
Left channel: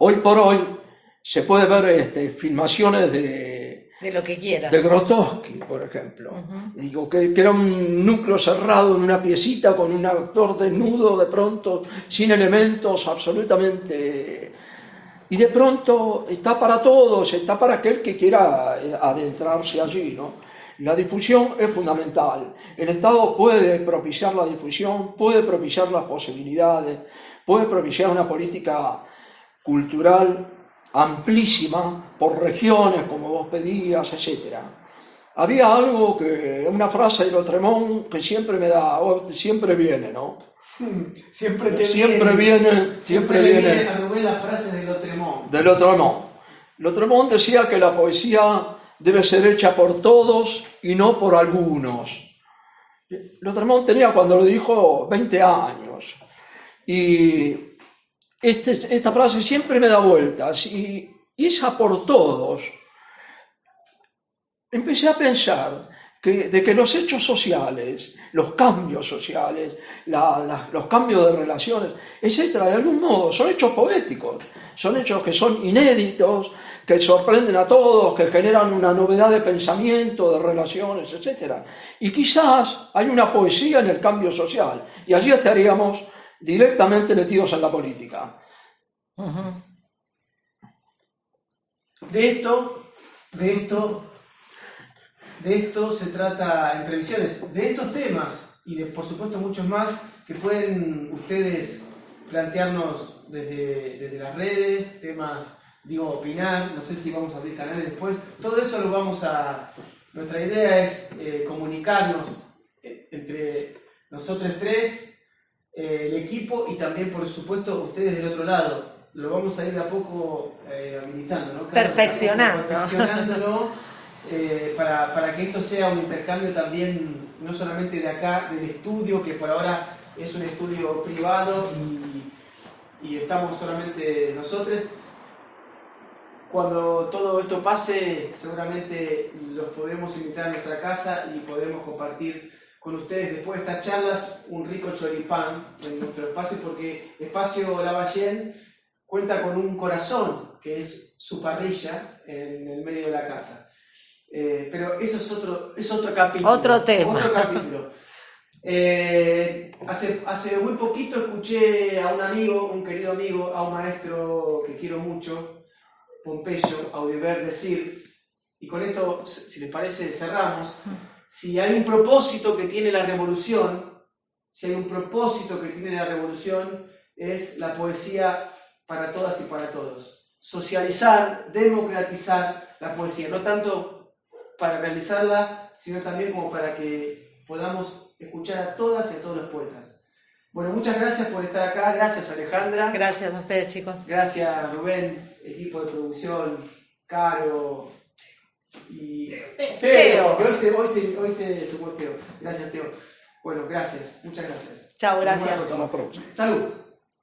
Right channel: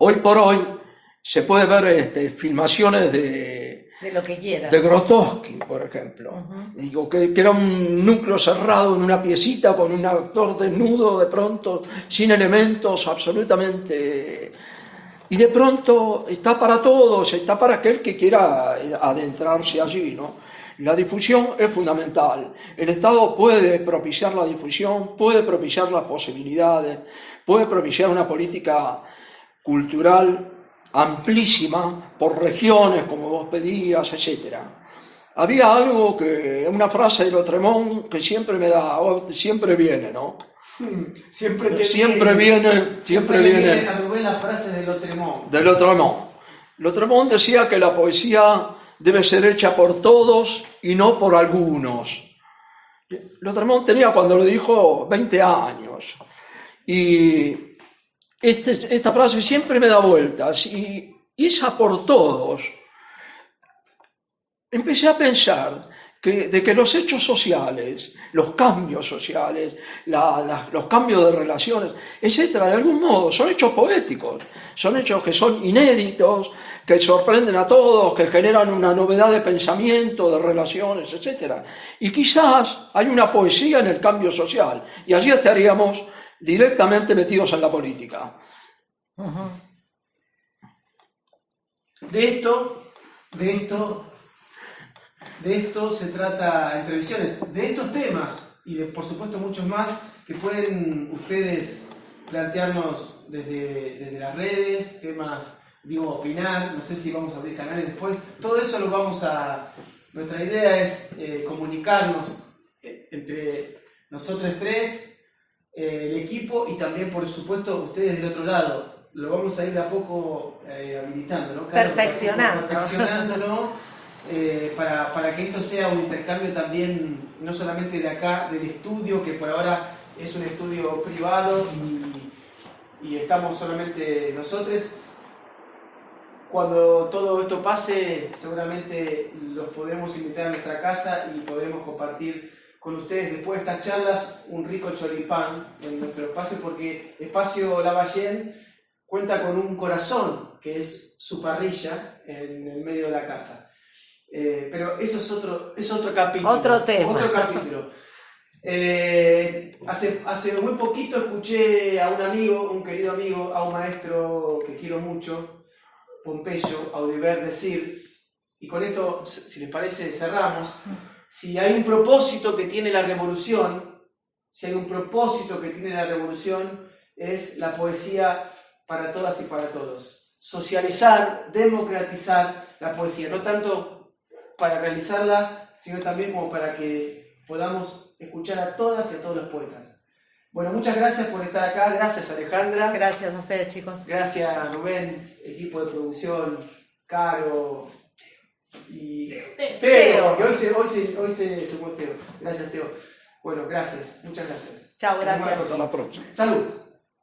Hoy por hoy se puede ver filmaciones de lo que quieras. De Grotowski, por ejemplo. Digo, que era un núcleo cerrado en una piecita con un actor desnudo de pronto, sin elementos, absolutamente. Y de pronto está para todos, está para aquel que quiera adentrarse allí, ¿no? La difusión es fundamental. El Estado puede propiciar la difusión, puede propiciar las posibilidades, puede propiciar una política cultural amplísima por regiones, como vos pedías, etc. Había algo una frase de Lautréamont que siempre viene, ¿no? Siempre viene. Arrobé la frase de Lautréamont. Lautréamont decía que la poesía debe ser hecha por todos y no por algunos. Lautréamont tenía, cuando lo dijo, 20 años. Y esta frase siempre me da vueltas, y esa por todos. Empecé a pensar de que los hechos sociales, los cambios sociales, los cambios de relaciones, etcétera, de algún modo son hechos poéticos, son hechos que son inéditos, que sorprenden a todos, que generan una novedad de pensamiento, de relaciones, etcétera. Y quizás hay una poesía en el cambio social, y allí estaríamos directamente metidos en la política. De esto se trata Entre Visiones, de estos temas y de, por supuesto, muchos más que pueden ustedes plantearnos desde las redes, temas, opinar, no sé si vamos a abrir canales después, todo eso lo vamos a... Nuestra idea es comunicarnos entre nosotros tres, el equipo, y también, por supuesto, ustedes del otro lado. Lo vamos a ir de a poco habilitando, ¿no? Perfeccionándolo para que esto sea un intercambio también, no solamente de acá, del estudio, que por ahora es un estudio privado y estamos solamente nosotros. Cuando todo esto pase, seguramente los podremos invitar a nuestra casa y podremos compartir con ustedes después de estas charlas un rico choripán en nuestro espacio, porque Espacio Lavallén cuenta con un corazón que es su parrilla en el medio de la casa. Pero eso es otro capítulo. Otro tema. Otro capítulo. Hace muy poquito escuché a un amigo, un querido amigo, a un maestro que quiero mucho, Pompeyo Audiver, decir, y con esto, si les parece, cerramos, si hay un propósito que tiene la revolución, es la poesía para todas y para todos. Socializar, democratizar la poesía, no tanto para realizarla, sino también como para que podamos escuchar a todas y a todos los poetas. Bueno, muchas gracias por estar acá, gracias Alejandra. Gracias a ustedes, chicos. Gracias Rubén, equipo de producción, Caro y Teo, que hoy se sumó Teo. Gracias Teo. Bueno, gracias, muchas gracias. Chao, gracias. Hasta la próxima. Salud.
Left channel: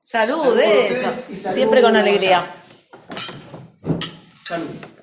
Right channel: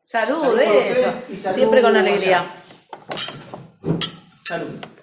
Salud, Salud por eso. ustedes y salud Siempre con allá. alegría. Salud.